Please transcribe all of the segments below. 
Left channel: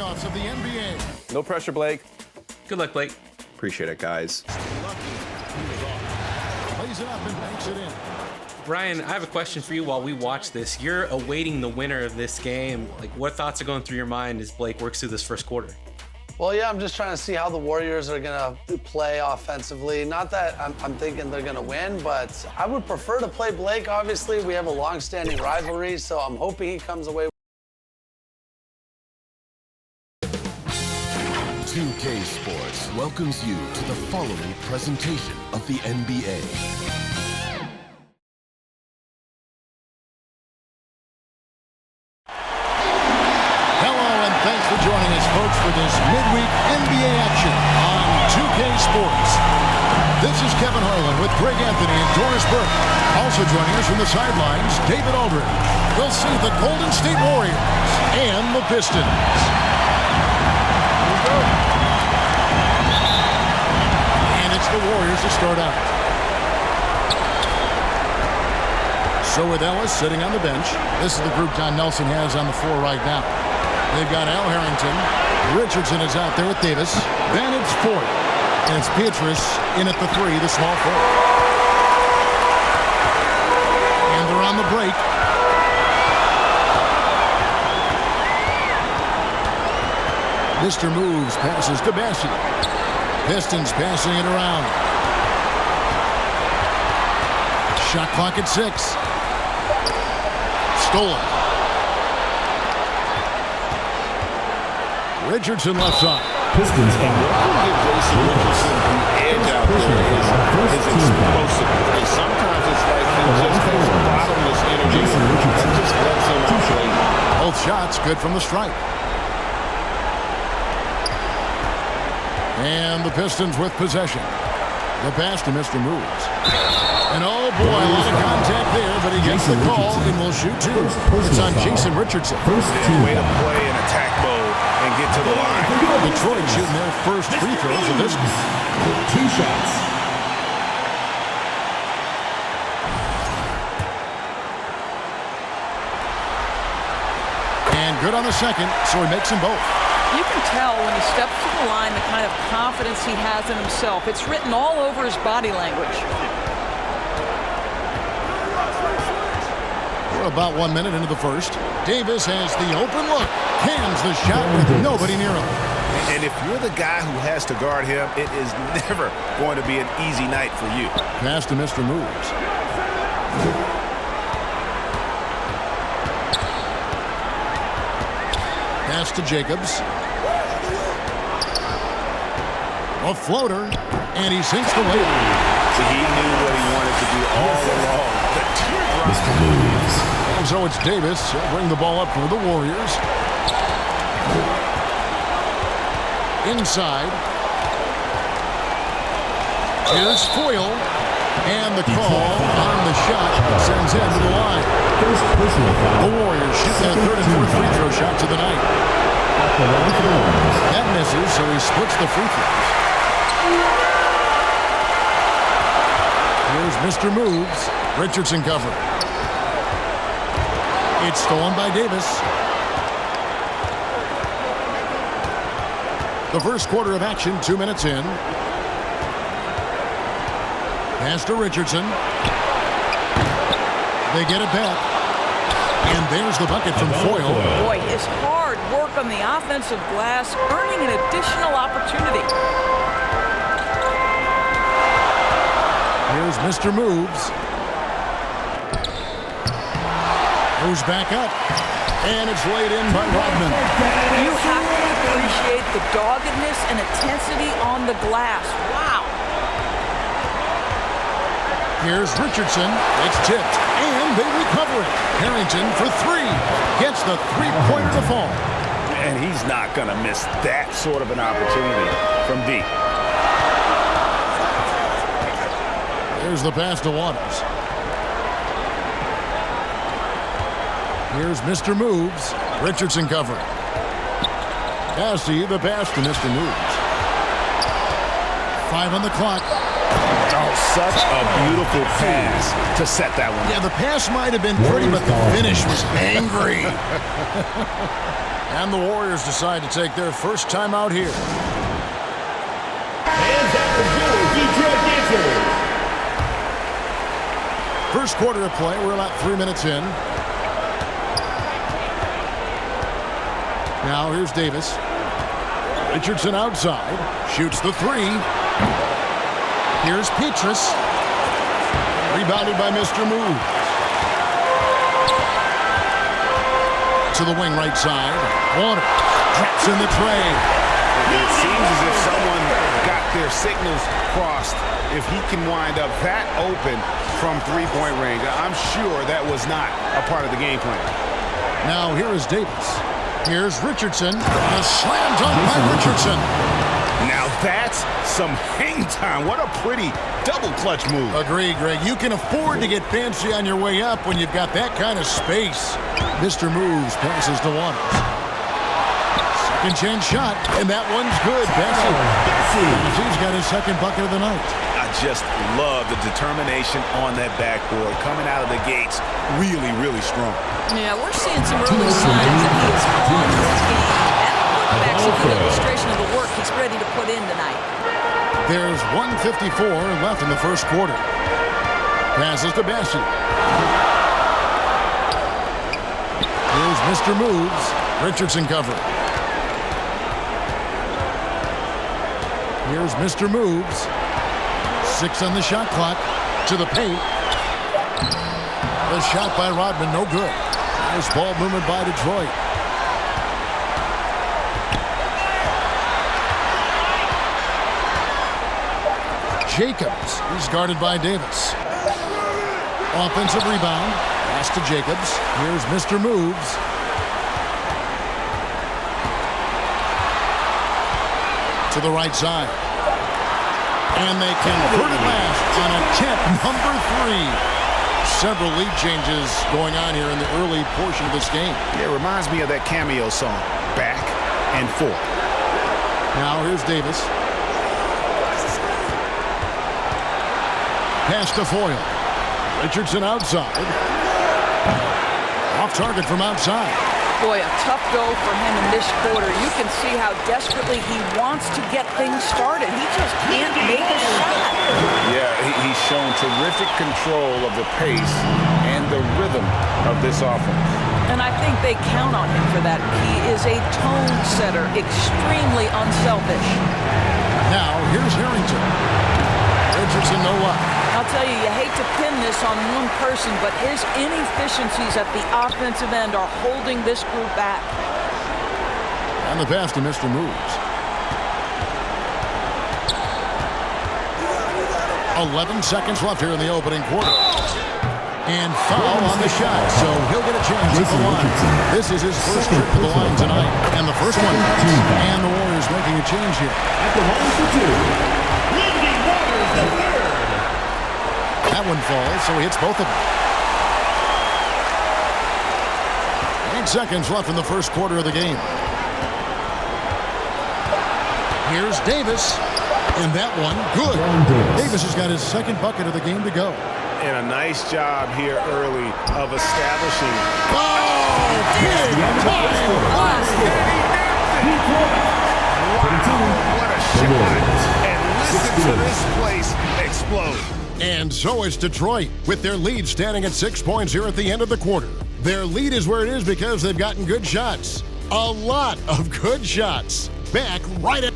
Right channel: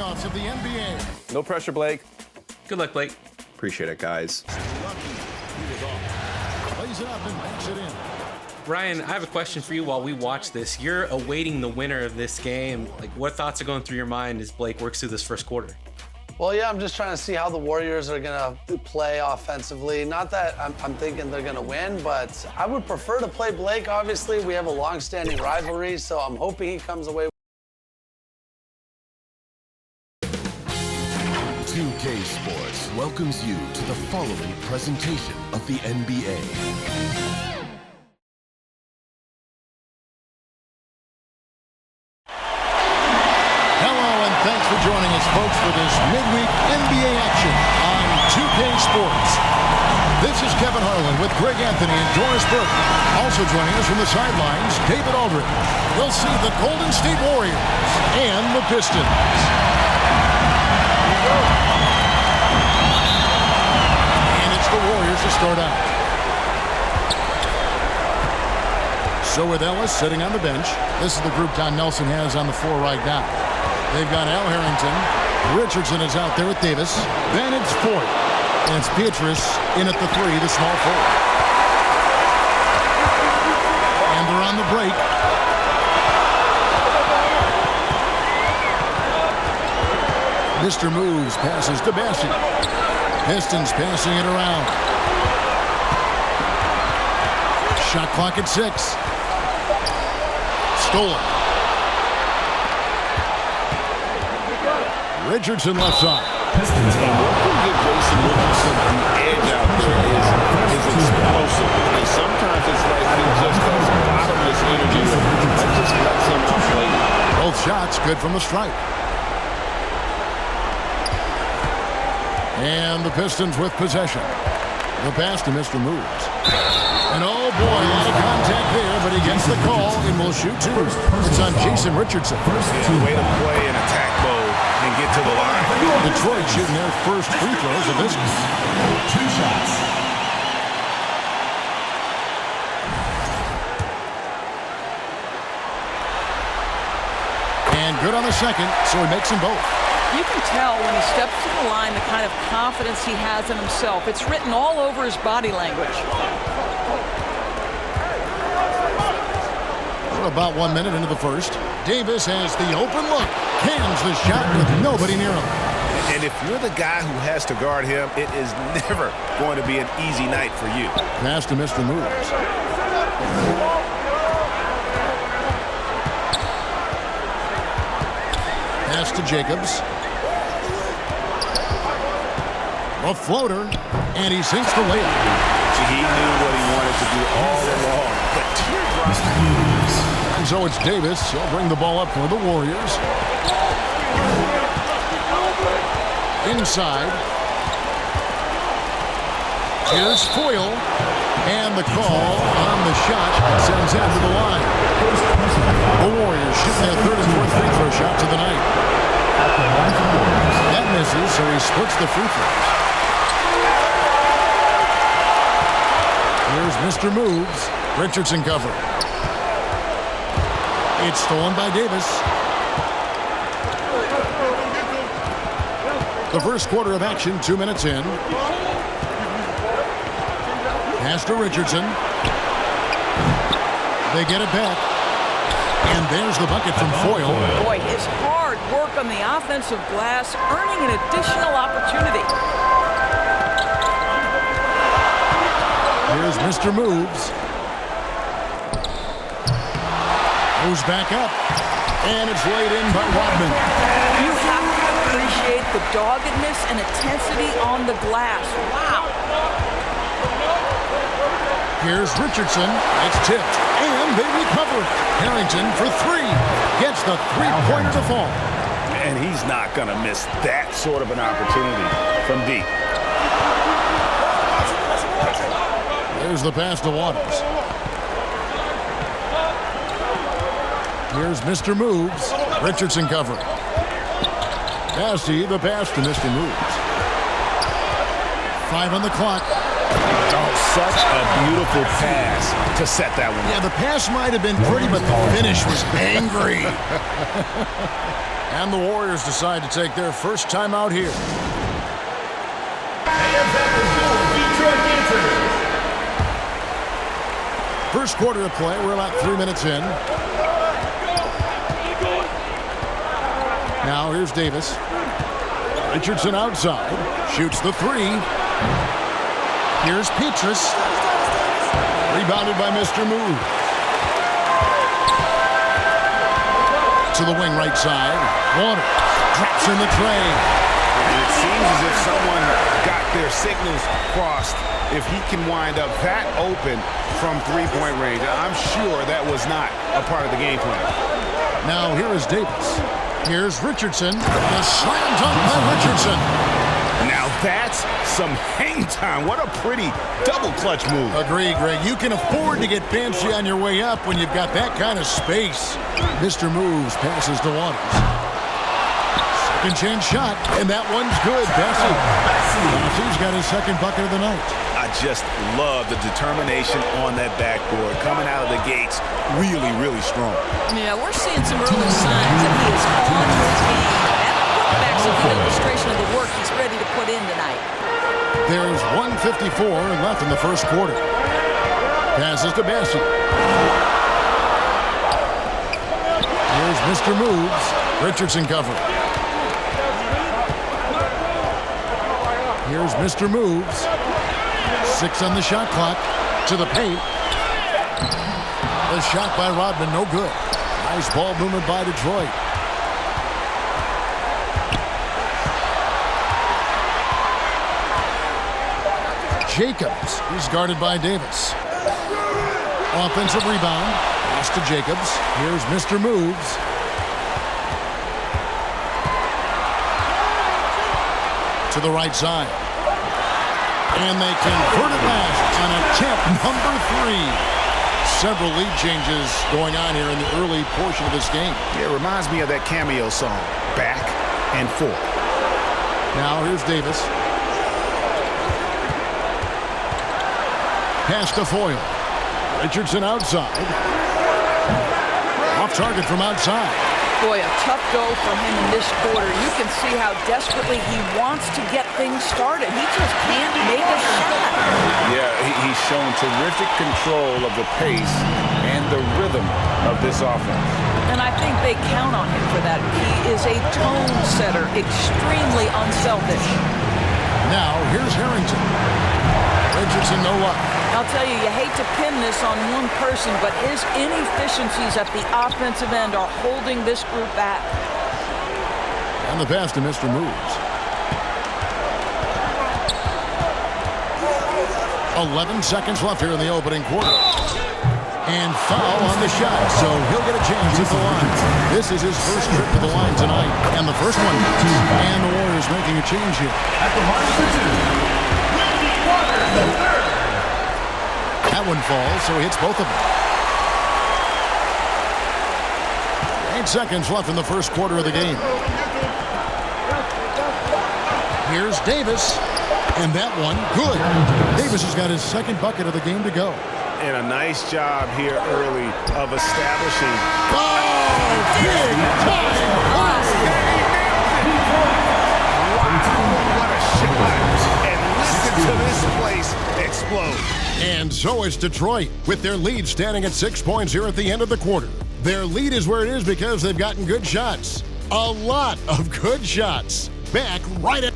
playoffs of the NBA. No pressure, Blake. Good luck, Blake. Appreciate it, guys. Lucky he was off. Plays it up and banks it in. Brian, I have a question for you while we watch this. You're awaiting the winner of this game. Like, what thoughts are going through your mind as Blake works through this first quarter? Well, yeah, I'm just trying to see how the Warriors are going to play offensively. Not that I'm thinking they're going to win, but I would prefer to play Blake, obviously. We have a long-standing rivalry, so I'm hoping he comes away. 2K Sports welcomes you to the following presentation of the NBA. Hello, and thanks for joining us, folks, for this midweek NBA action on 2K Sports. This is Kevin Harlan with Greg Anthony and Doris Burke. Also joining us from the sidelines, David Aldridge. We'll see the Golden State Warriors and the Pistons. Here we go. And it's the Warriors to start out. So with Ellis sitting on the bench, this is the group Don Nelson has on the floor right now. They've got Al Harrington. Richardson is out there with Davis. Then it's Foyt. And it's Beatrice in at the 3, the small forward. And they're on the break. Mr. Moves passes to Bessie. Pistons passing it around. Shot clock at 6. Stolen. Richardson left side. Pistons. And what can give Jason Richardson the edge out there is his explosiveness. And sometimes it's like he just has bottomless energy that just lets him outplay you. Both shots good from the stripe. And the Pistons with possession. The pass to Mr. Moves. And oh boy, a lot of contact there, but he gets the call and will shoot 2. It's on Jason Richardson. Yeah, way to play in attack mode and get to the line. Detroit shooting their first free throws of this game. 2 shots. And good on the second, so he makes them both. You can tell when he steps to the line the kind of confidence he has in himself. It's written all over his body language. We're about 1 minute into the first. Davis has the open look. Cans the shot with nobody near him. And if you're the guy who has to guard him, it is never going to be an easy night for you. Pass to Mr. Moves. Pass to Jacobs. A floater, and he sinks the layup. He knew what he wanted to do all along. The teardrop. And so it's Davis. He'll bring the ball up for the Warriors. Inside. Here's Foyle. And the call on the shot sends him to the line. The Warriors shooting their 3rd and 4th free throw shots of the night. That misses, so he splits the free throws. Here's Mr. Moves. Richardson cover. It's stolen by Davis. The first quarter of action, 2 minutes in. Pass to Richardson. They get it back. And there's the bucket from Foyle. Boy, his hard work on the offensive glass, earning an additional opportunity. Here's Mr. Moves. Goes back up. And it's laid in by Rodman. You have to appreciate the doggedness and intensity on the glass. Wow. Here's Richardson. It's tipped. And they recover it. Harrington for 3. Gets the three-pointer to fall. And he's not going to miss that sort of an opportunity from deep. There's the pass to Waters. Here's Mr. Moves. Richardson covering. Bassie, the pass to Mr. Moves. 5 on the clock. Oh, such a beautiful pass to set that one. Yeah, the pass might have been pretty, but the finish was angry. And the Warriors decide to take their first time out here. First quarter of play, we're about 3 minutes in. Now here's Davis. Richardson outside, shoots the three. Here's Petrus. Rebounded by Mr. Moves. To the wing right side. Waters drops in the tray. It seems as if someone got their signals crossed. If he can wind up that open from three-point range, I'm sure that was not a part of the game plan. Now here is Davis. Here's Richardson. A slam dunk by Richardson. Now that's some hang time. What a pretty double clutch move. Agree, Greg. You can afford to get fancy on your way up when you've got that kind of space. Mr. Moves passes to Waters. Second chance shot, and that one's good. Bessie's got his second bucket of the night. I just love the determination on that backboard. Coming out of the gates really, really strong. Yeah, we're seeing some early signs that he is on his game. That putback's a good illustration of the work he's ready to put in tonight. There's 1:54 left in the first quarter. Passes to Bessie. Here's Mr. Moves. Richardson cover. Here's Mr. Moves. 6 on the shot clock. To the paint. The shot by Rodman, no good. Nice ball movement by Detroit. Jacobs. He's guarded by Davis. Offensive rebound. Pass to Jacobs. Here's Mr. Moves. To the right side. And they convert it last on attempt number 3. Several lead changes going on here in the early portion of this game. Yeah, it reminds me of that cameo song, Back and Forth. Now here's Davis. Pass to Foyle. Richardson outside. Off target from outside. Boy, a tough go for him in this quarter. You can see how desperately he wants to get things started. He just can't make a shot. Yeah, he's shown terrific control of the pace and the rhythm of this offense. And I think they count on him for that. He is a tone setter, extremely unselfish. Now, here's Harrington. Richardson, no luck. I'll tell you, you hate to pin this on one person, but his inefficiencies at the offensive end are holding this group back. And the pass to Mr. Moves. 11 seconds left here in the opening quarter. And foul on the shot, so he'll get a chance at the line. This is his first trip to the line tonight, and the first one. And the Warriors making a change here. At the line for 2, Lindy Waters, the third. That one falls, so he hits both of them. 8 seconds left in the first quarter of the game. Here's Davis, and that one, good. Davis has got his second bucket of the game to go. And a nice job here early of establishing. Oh, big time play! And he nails it! Wow, what a shot. And listen to this place explode. And so it's Detroit, with their lead standing at 6 points here at the end of the quarter. Their lead is where it is because they've gotten good shots. A lot of good shots. Back right at...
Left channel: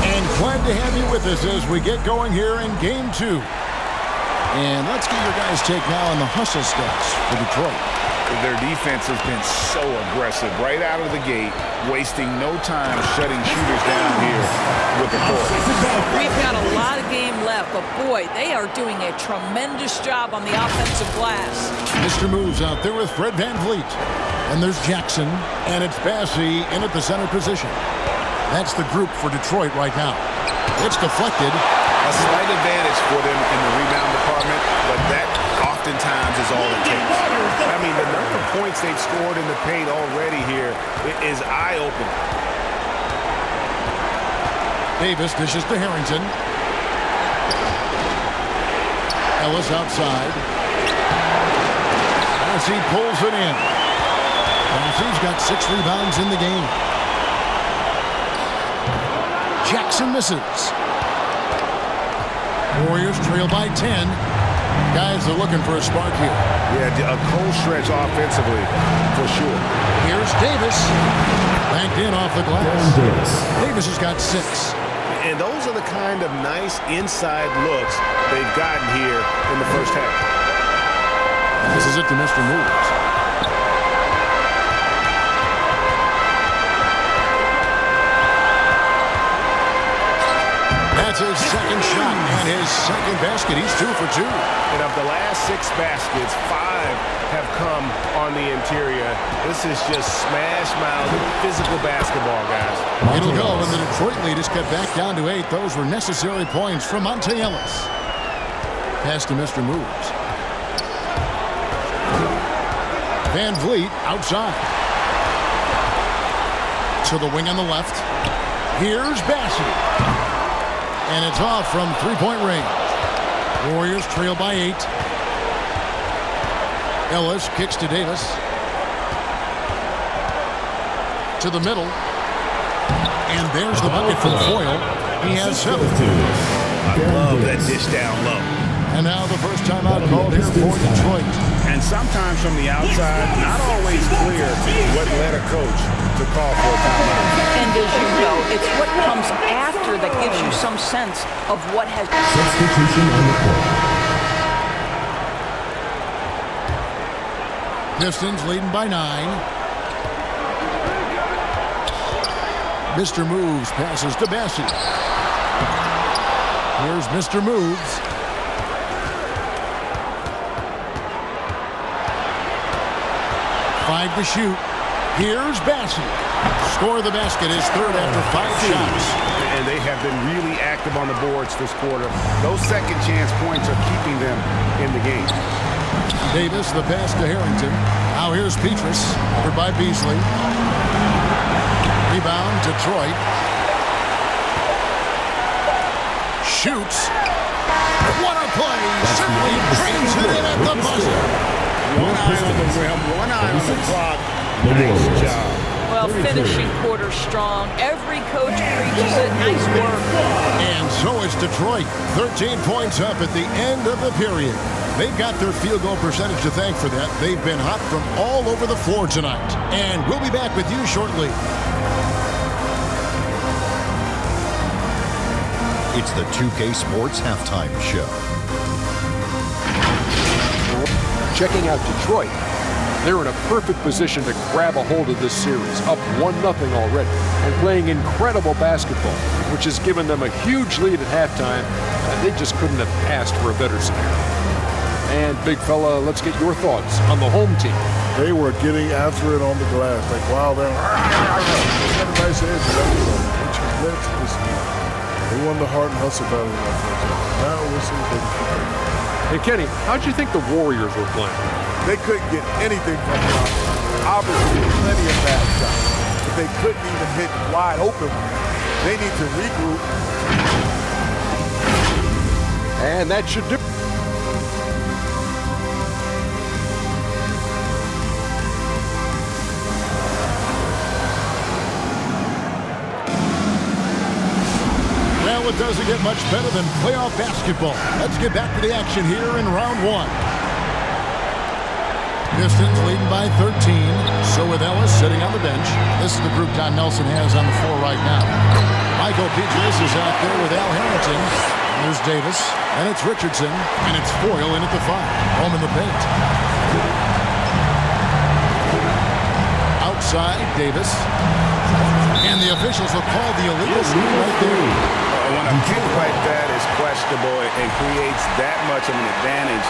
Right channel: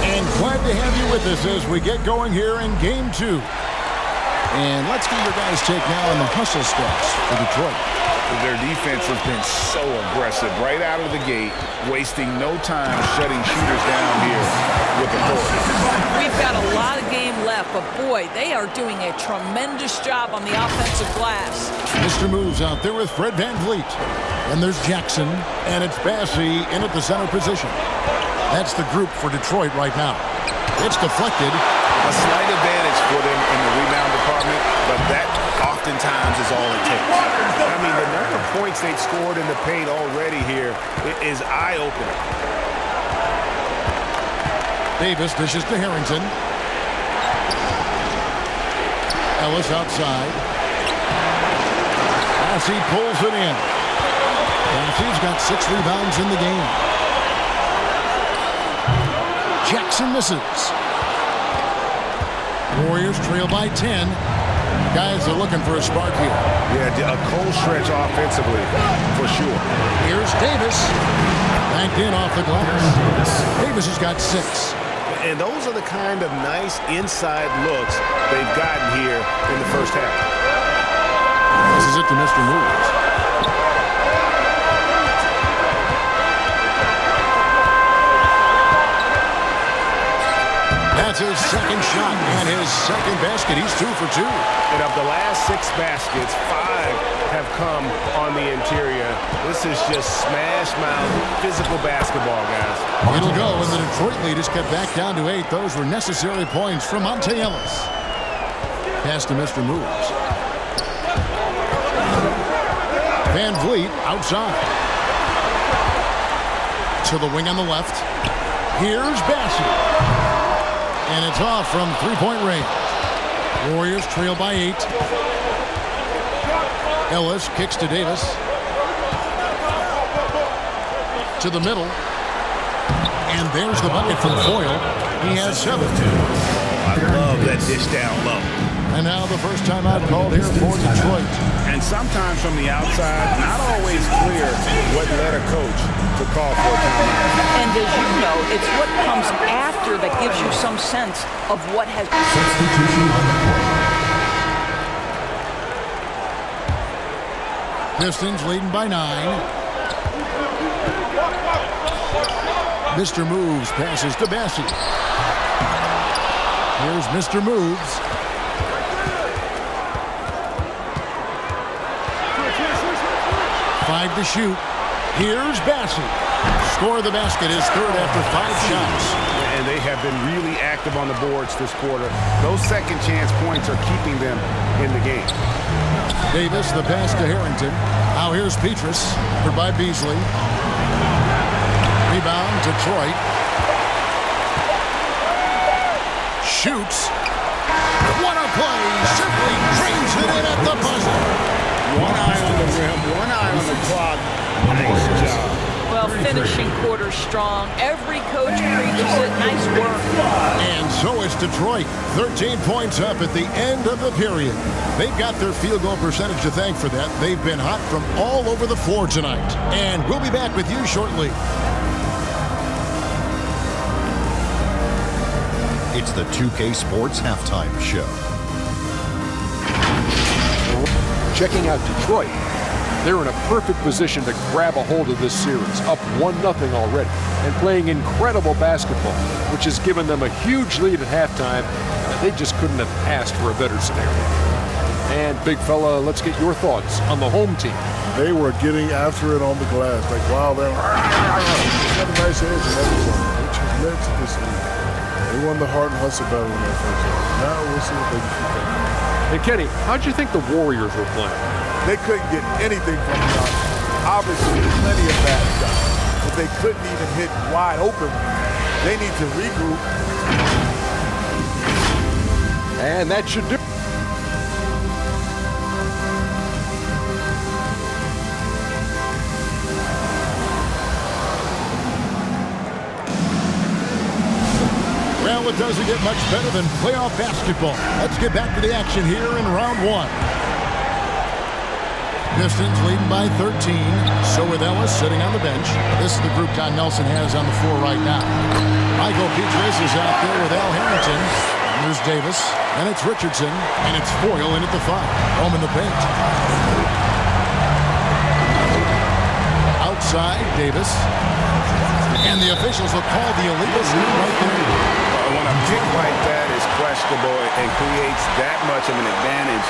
And glad to have you with us as we get going here in Game 2. And let's get your guys' take now on the hustle stats for Detroit. Their defense has been so aggressive right out of the gate, wasting no time shutting shooters down here with authority. We've got a lot of game left, but boy, they are doing a tremendous job on the offensive glass. Mr. Moves out there with Fred VanVleet. And there's Jackson, and it's Bassie in at the center position. That's the group for Detroit right now. It's deflected, A slight advantage for them in the rebound department, but that oftentimes is all it takes. I mean, the number of points they've scored in the paint already here is eye-opening. Davis dishes to Harrington. Ellis outside. Bassey pulls it in. Bassey's got 6 rebounds in the game. Jackson misses. Warriors trail by 10. Guys are looking for a spark here. Yeah, a cold stretch offensively, for sure. Here's Davis. Banked in off the glass. Davis has got 6. And those are the kind of nice inside looks they've gotten here in the first half. This is it to Mr. Moves. That's his second shot and his second basket. He's 2 for 2. And of the last 6 baskets, 5 have come on the interior. This is just smash mouth physical basketball, guys. It'll go, and the Detroit lead is cut back down to 8. Those were necessary points from Monte Ellis. Pass to Mr. Moves. Van Vliet outside. To the wing on the left. Here's Bassey. And it's off from 3-point range. Warriors trail by 8. Ellis kicks to Davis. To the middle. And there's the bucket from Foyle. He has 7. I love that dish down low. And now the first timeout called here for Detroit. And sometimes from the outside, not always clear what led a coach to call for a timeout. And as you know, it's what comes after that gives you some sense of what has... Substitution on the court. Pistons leading by 9. Mr. Moves passes to Bassey. Here's Mr. Moves. Five to shoot. Here's Bassey. Score the basket, his third after 5 shots. And they have been really active on the boards this quarter. Those second chance points are keeping them in the game. Davis, the pass to Harrington. Now here's Petrus, covered by Beasley. Rebound, Detroit. Shoots. What a play! Simply drains it in at the buzzer. One eye on the rim, one eye on the clock. Nice job. Well, finishing quarter strong. Every coach preaches it. Nice work. And so is Detroit. 13 points up at the end of the period. They've got their field goal percentage to thank for that. They've been hot from all over the floor tonight. And we'll be back with you shortly. It's the 2K Sports Halftime Show. Checking out Detroit, they're in a perfect position to grab a hold of this series, up 1-0 already, and playing incredible basketball, which has given them a huge lead at halftime. They just couldn't have asked for a better scenario. And big fella, let's get your thoughts on the home team. They were getting after it on the glass, like wow, they're got a nice edge and everything, which has led to this lead. They won the heart and hustle battle in that first half. Now we'll see if they can keep that going. And Kenny, how'd you think the Warriors were playing? They couldn't get anything from the outside. Obviously, plenty of bad shots, but they couldn't even hit wide open ones. They need to regroup. And that should do it. Well, it doesn't get much better than playoff basketball. Let's get back to the action here in round 1. Pistons leading by 13. So with Ellis sitting on the bench. This is the group Don Nelson has on the floor right now. Michael Petrus is out there with Al Harrington. And there's Davis. And it's Richardson. And it's Foyle in at the 5. Home in the paint. Outside, Davis. And the officials will call the illegal screen right there. When a pick like that is questionable and creates that much of an advantage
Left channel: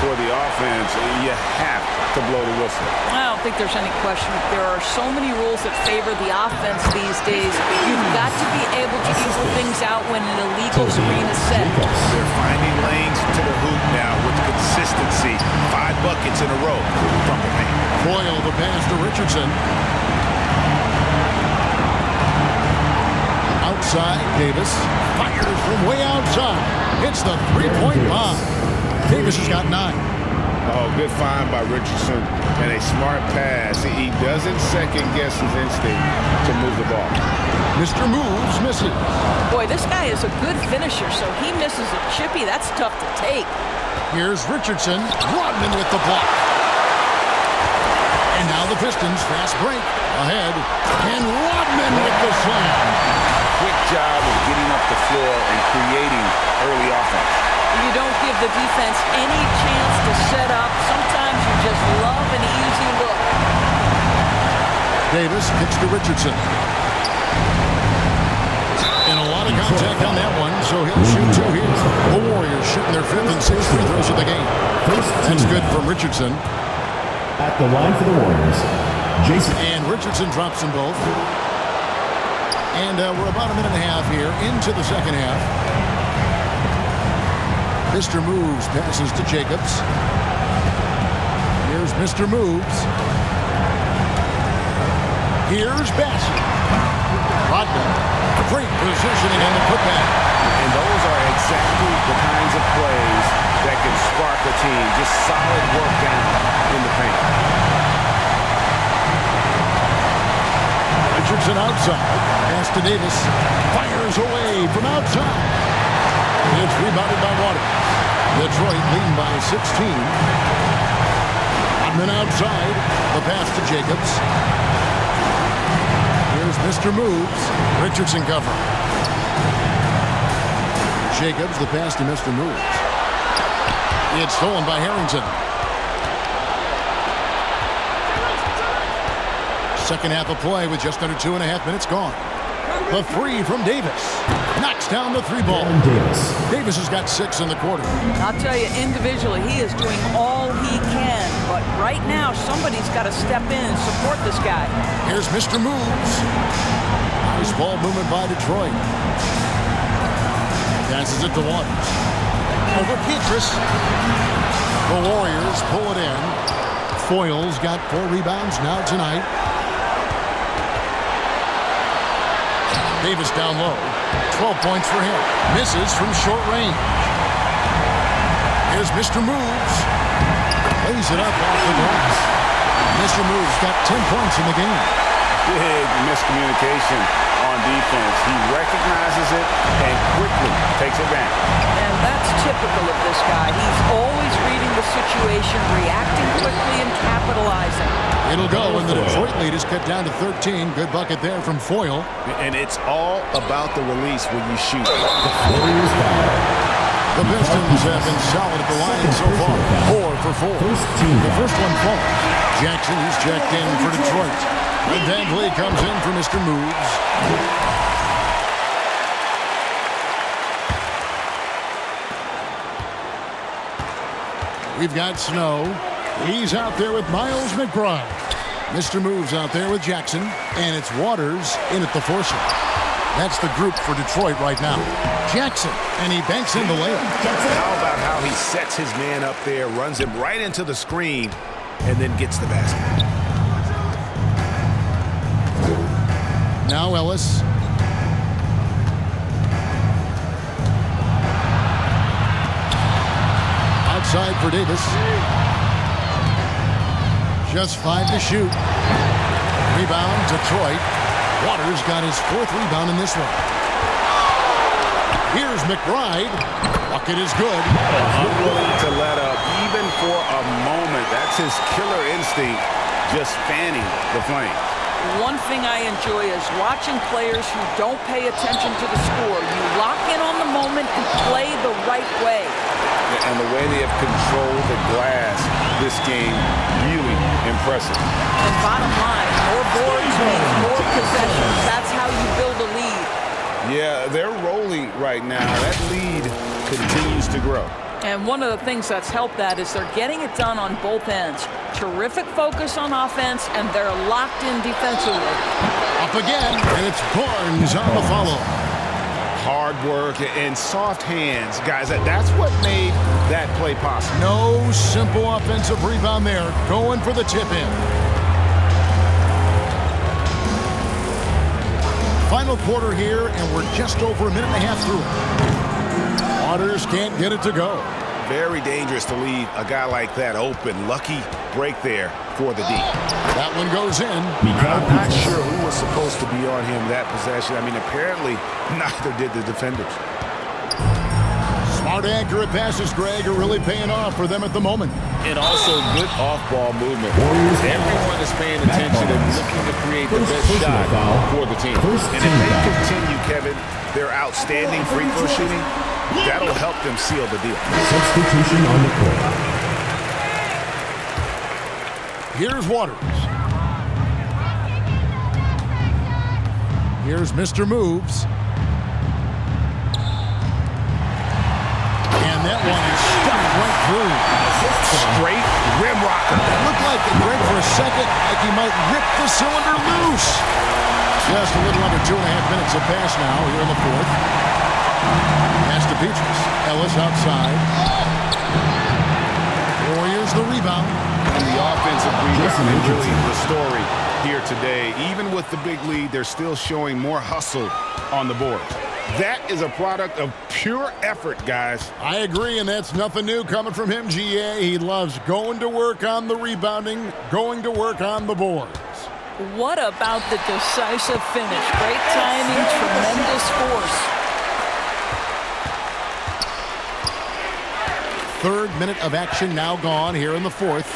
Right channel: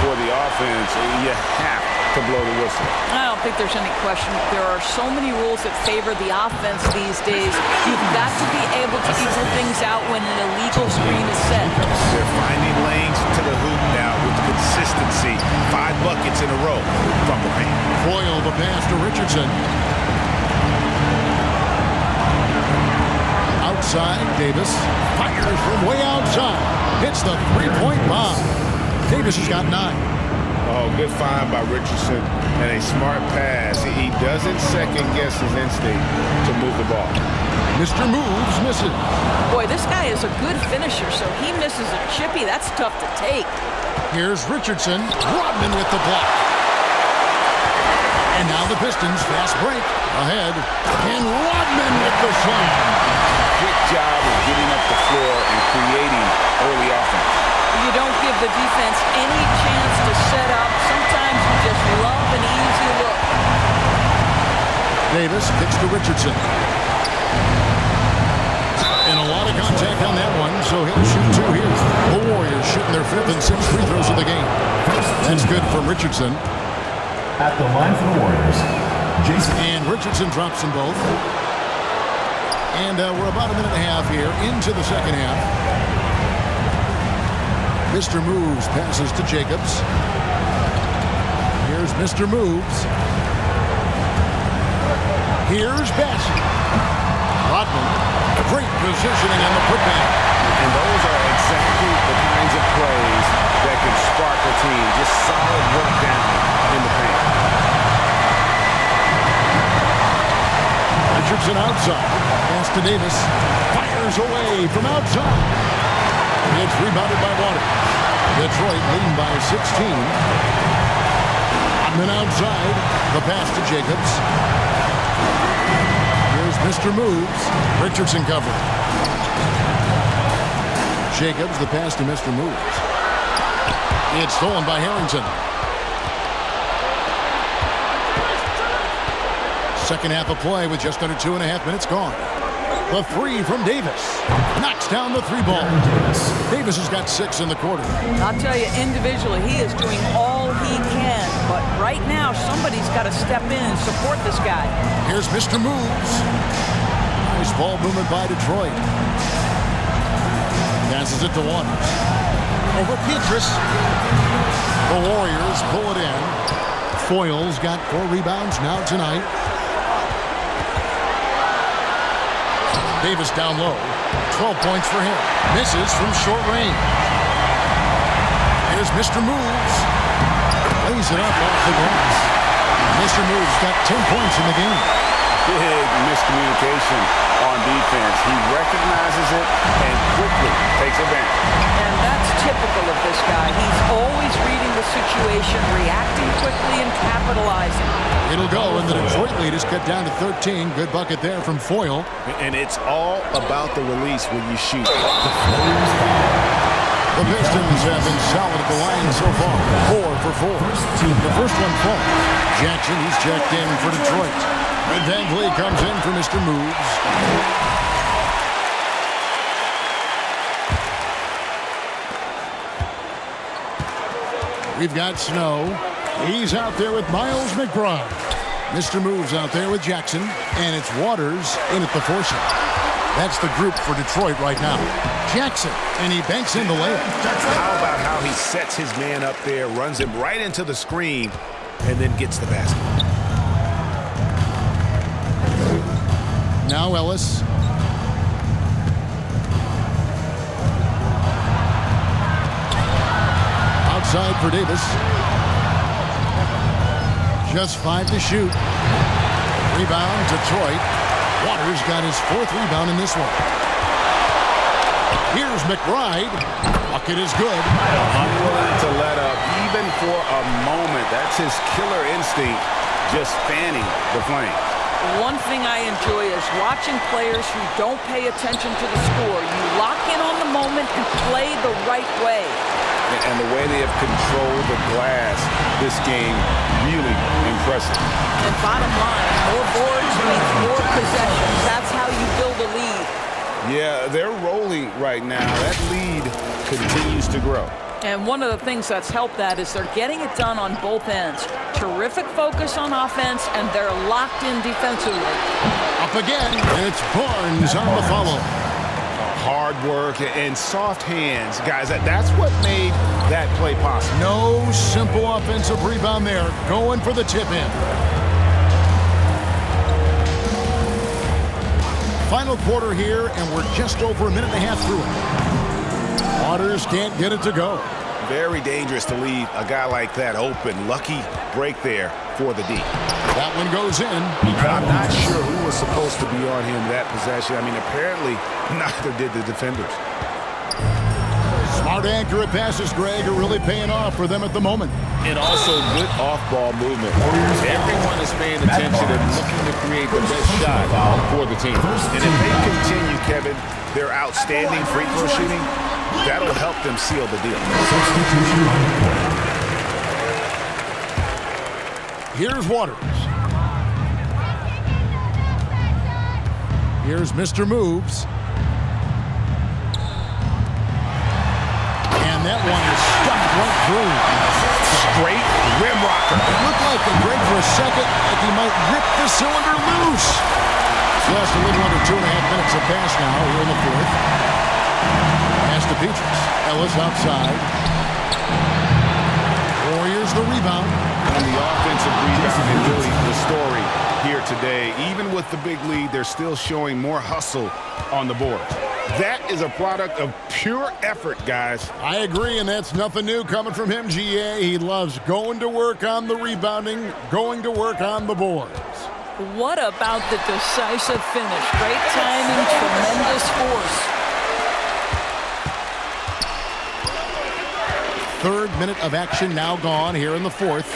for the offense, you have to blow the whistle. I don't think there's any question. There are so many rules that favor the offense these days. You've got to be able to equal things out when an illegal screen is set. They're finding lanes to the hoop now with consistency. 5 buckets in a row from the paint. Foyle the pass to Richardson. Outside, Davis fires from way outside. Hits the three-point bomb. Davis has got 9. Oh, good find by Richardson and a smart pass. He doesn't second-guess his instinct to move the ball. Mr. Moves misses. Boy, this guy is a good finisher, so he misses a chippy. That's tough to take. Here's Richardson. Rodman with the block. And now the Pistons fast break ahead. And Rodman with the slam. Quick job of getting up the floor and creating early offense. You don't give the defense any chance to set up. Sometimes you just love an easy look. Davis kicks to Richardson. And a lot of contact on that one, so he'll shoot 2 here. The Warriors shooting their 5th and 6th free throws of the game. That's good from Richardson. At the line for the Warriors, Jason. And Richardson drops them both. And we're about a minute and a half here into the second half. Mr. Moves passes to Jacobs. Here's Mr. Moves. Here's Bassey. Rodman. Great positioning on the putback. And those are exactly the kinds of plays that can spark a team. Just solid work down in the paint. Richardson outside. Pass to Davis. Fires away from outside. It's rebounded by Waters. Detroit leading by 16. Rodman outside. The pass to Jacobs. Here's Mr. Moves. Richardson covering. Jacobs, the pass to Mr. Moves. It's stolen by Harrington. Second half of play with just under 2.5 minutes gone. The 3 from Davis. Knocks down the 3 ball. Davis has got 6 in the quarter. I'll tell you, individually, he is doing all he can. But right now, somebody's got to step in and support this guy. Here's Mr. Moves. Nice ball movement by Detroit. Passes it to Waters. Over Petrus. The Warriors pull it in. Foyle's got 4 rebounds now tonight. Davis down low. 12 points for him. Misses from short range. Here's Mr. Moves. Lays it up off the glass. Mr. Moves got 10 points in the game. Big miscommunication on defense. He recognizes it and quickly takes advantage. And that's typical of this guy. He's always reading the situation, reacting quickly, and capitalizing. It'll go, and the Detroit lead is cut down to 13. Good bucket there from Foyle. And it's all about the release when you shoot. The Pistons have been solid at the line so far. 4 for 4. The first one falls. Jackson, he's checked in for Detroit. Red Van Vliet comes in for Mr. Moves. We've got Snow. He's out there with Miles McBride. Mr. Moves out there with Jackson. And it's Waters in at the foursome. That's the group for Detroit right now. Jackson, and he banks in the layup. How about how he sets his man up there, runs him right into the screen, and then gets the basket. Now Ellis. Outside for Davis. Just 5 to shoot. Rebound, Detroit. Waters got his 4th rebound in this one. Here's McBride. Bucket is good. Unwilling to let up even for a moment. That's his killer instinct, just fanning the flames. One thing I enjoy is watching players who don't pay attention to the score. You lock in on the moment and play the right way. And the way they have controlled the glass this game, really impressive. And bottom line, more boards means more possessions. That's how you build a lead. Yeah, they're rolling right now. That lead continues to grow. And one of the things that's helped that is they're getting it done on both ends. Terrific focus on offense, and they're locked in defensively. Up again, and it's Barnes on the follow. Hard work and soft hands. Guys, that's what made that play possible. No simple offensive rebound there. Going for the tip-in. Final quarter here, and we're just over a minute and a half through it. Waters can't get it to go. Very dangerous to leave a guy like that open. Lucky break there for the D. That one goes in. I'm not sure who was supposed to be on him that possession. I mean, apparently neither did the defenders. Smart, accurate passes, Greg, are really paying off for them at the moment. And also good off-ball movement. Everyone is paying attention and looking to create the best shot for the team. And if they continue, Kevin, their outstanding free throw shooting, that'll help them seal the deal. Substitution on the court. Here's Waters. Here's Mr. Moves. And that one is stuffed right through. Straight rim rocker. It looked like, Greg, for a second, like he might rip the cylinder loose. Just a little under 2.5 minutes have passed now here in the fourth. Pass to Petrus. Ellis outside. Warriors the rebound. And the offensive rebound and really the story here today. Even with the big lead, they're still showing more hustle on the board. That is a product of pure effort, guys. I agree, and that's nothing new coming from him, GA. He loves going to work on the rebounding, going to work on the boards. What about the decisive finish? Great timing, tremendous force. Third minute of action now gone here in the fourth.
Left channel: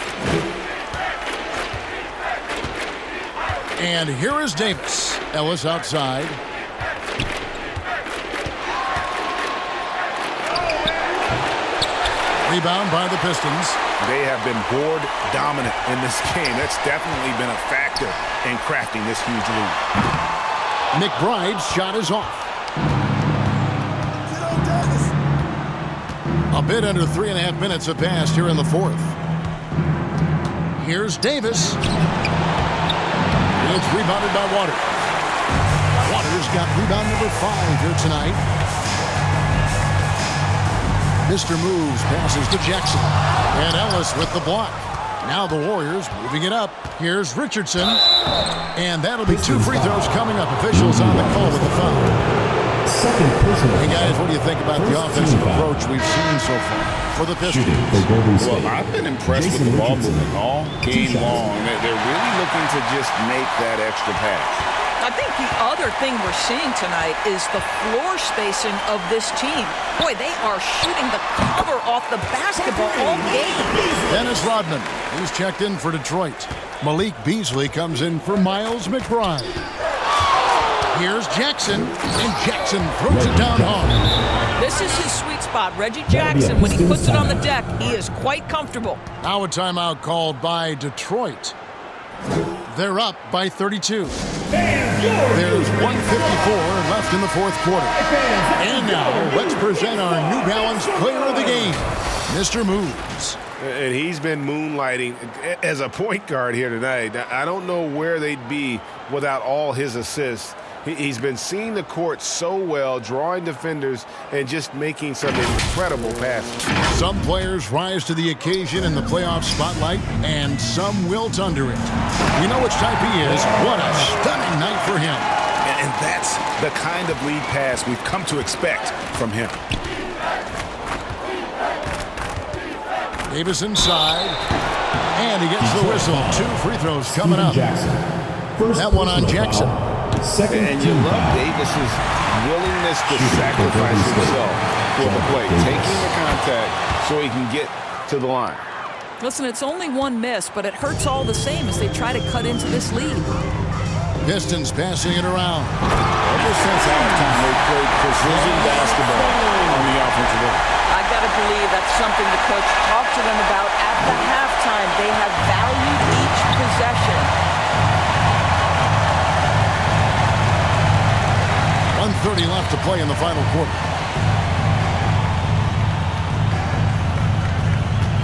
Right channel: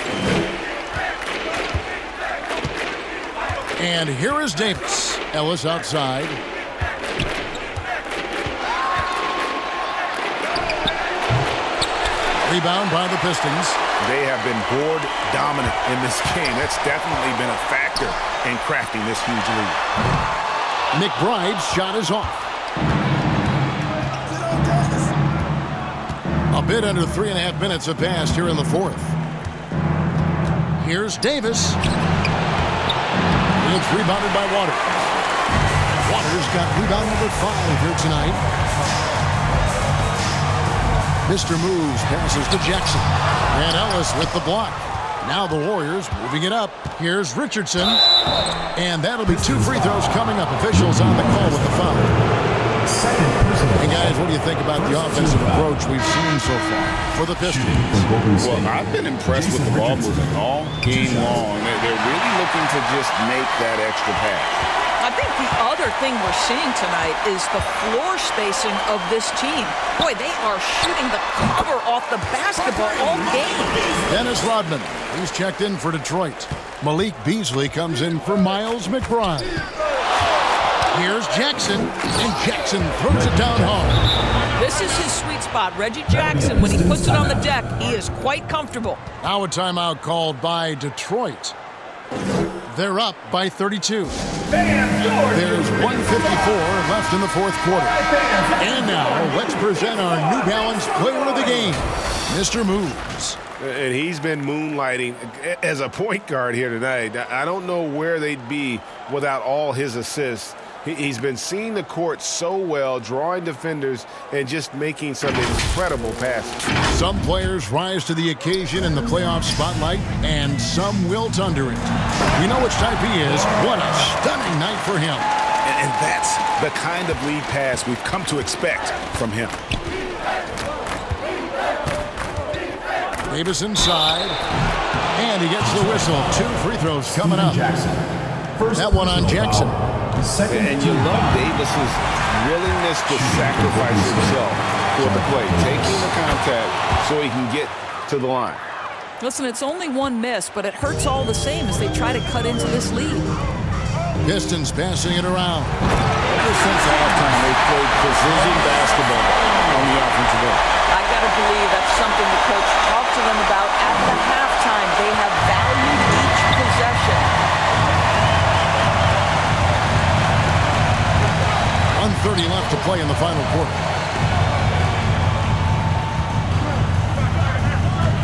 And here is Davis. Ellis outside. Rebound by the Pistons. They have been board dominant in this game. That's definitely been a factor in crafting this huge lead. McBride's shot is off. A bit under 3.5 minutes have passed here in the fourth. Here's Davis. It's rebounded by Waters. Waters got rebound number 5 here tonight. Mr. Moves passes to Jackson. And Ellis with the block. Now the Warriors moving it up. Here's Richardson. And that'll be 2 free throws coming up. Officials on the call with the foul. Hey guys, what do you think about the offensive approach we've seen so far for the Pistons? Well, I've been impressed with the ball movement all game long. They're really looking to just make that extra pass. I think the other thing we're seeing tonight is the floor spacing of this team. Boy, they are shooting the cover off the basketball all game. Dennis Rodman, he's checked in for Detroit. Malik Beasley comes in for Miles McBride. Here's Jackson, and Jackson throws it down hard. This is his sweet spot. Reggie Jackson, when he puts it on the deck, he is quite comfortable. Now a timeout called by Detroit. They're up by 32. There's 1:54 left in the fourth quarter. And now, let's present our New Balance Player of the Game, Mr. Moves. And he's been moonlighting as a point guard here tonight. I don't know where they'd be without all his assists. He's been seeing the court so well, drawing defenders, and just making some incredible passes. Some players rise to the occasion in the playoff spotlight, and some wilt under it. We know which type he is. What a stunning night for him. And that's the kind of lead pass we've come to expect from him. Davis inside, and he gets the whistle. 2 free throws coming up. That one on Jackson. And you love Davis's willingness to sacrifice himself for the play, taking the contact so he can get to the line. Listen, it's only 1 miss, but it hurts all the same as they try to cut into this lead. Pistons passing it around. Ever since halftime, they've played precision basketball on the offensive end. I got to believe that's something the coach talked to them about at the halftime. They have valued each possession. 1:30 left to play in the final quarter.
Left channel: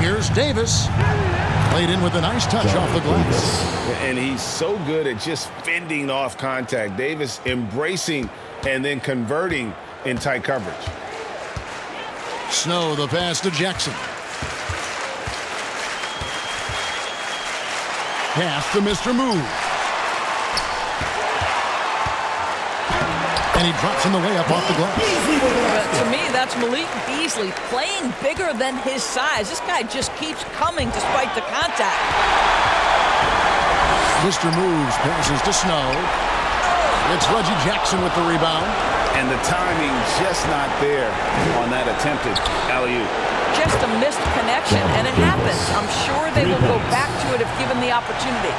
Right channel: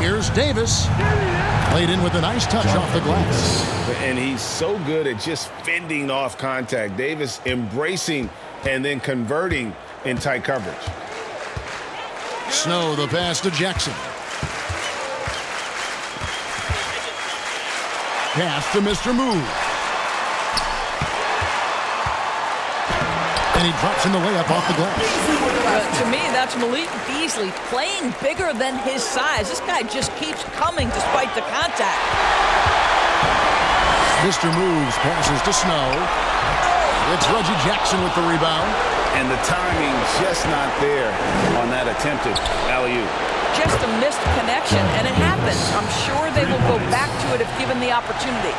Here's Davis. Played in with a nice touch off the glass. And he's so good at just fending off contact. Davis embracing and then converting in tight coverage. Snow, the pass to Jackson. Pass to Mr. Move. And he drops in the layup off the glass. To me, that's Malik Beasley playing bigger than his size. This guy just keeps coming despite the contact. Mr. Moves passes to Snow. It's Reggie Jackson with the rebound. And the timing just not there on that attempted alley-oop. Just a missed connection, and it happens. I'm sure they will go back to it if given the opportunity.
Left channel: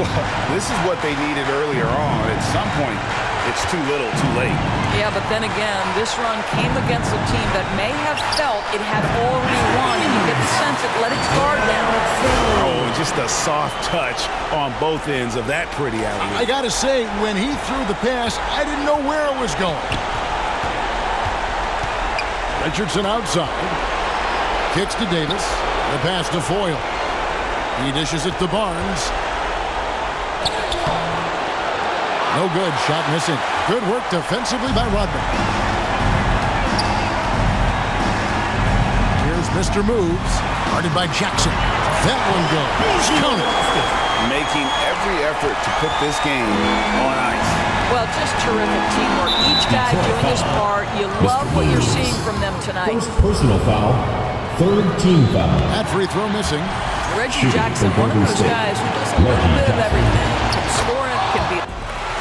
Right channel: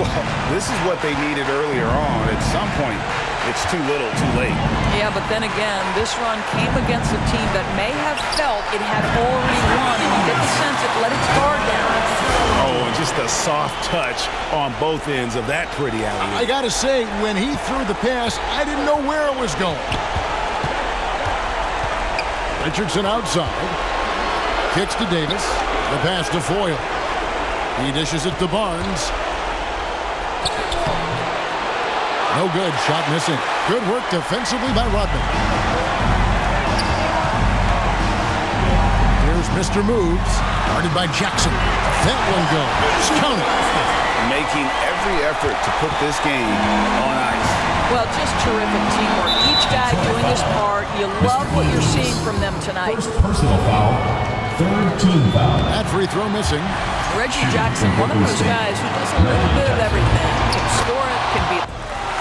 Well, this is what they needed earlier on. At some point, it's too little, too late. Yeah, but then again, this run came against a team that may have felt it had already won, and you get the sense it let its guard down. Oh, and just a soft touch on both ends of that pretty alley-oop. I gotta say, when he threw the pass, I didn't know where it was going. Richardson outside. Kicks to Davis. The pass to Foyle. He dishes it to Barnes. No good. Shot missing. Good work defensively by Rodman. Here's Mr. Moves. Guarded by Jackson. That one goes. Counted. Making every effort to put this game on ice. Well, just terrific teamwork. Each guy doing his part. You love what you're seeing from them tonight. First personal foul, third team foul. That free throw missing. Reggie Jackson, one of those guys who does a little bit of everything. Can score it, can be...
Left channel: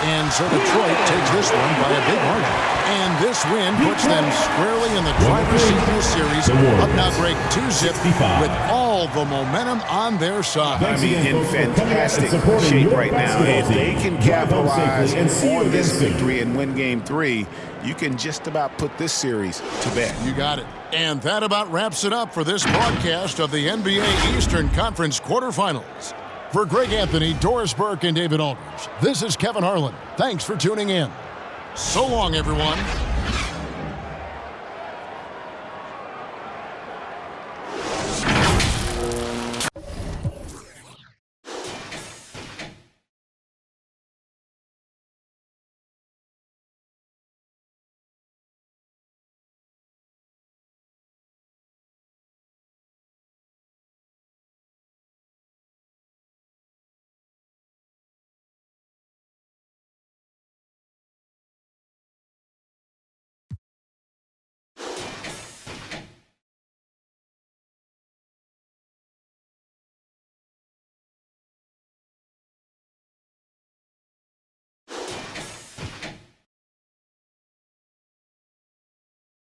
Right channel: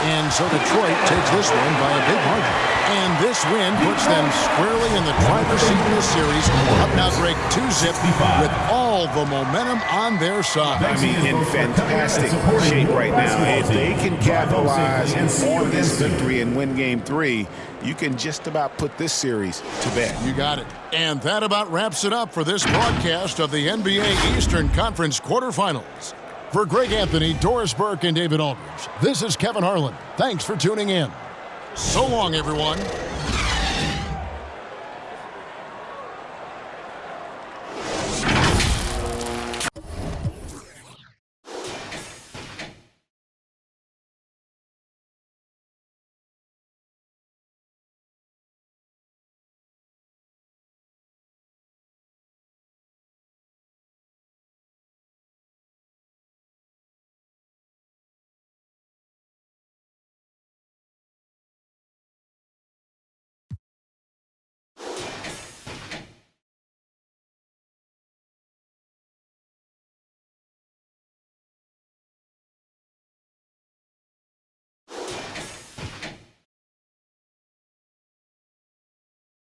And so Detroit takes this one by a big margin. And this win puts them squarely in the driver's seat in this series. Up now, Greg, 2-zip with all the momentum on their side. I mean, in fantastic shape right now. If they can capitalize on this victory and win Game 3, you can just about put this series to bed. You got it. And that about wraps it up for this broadcast of the NBA Eastern Conference quarterfinals. For Greg Anthony, Doris Burke, and David Aldridge, this is Kevin Harlan. Thanks for tuning in. So long, everyone.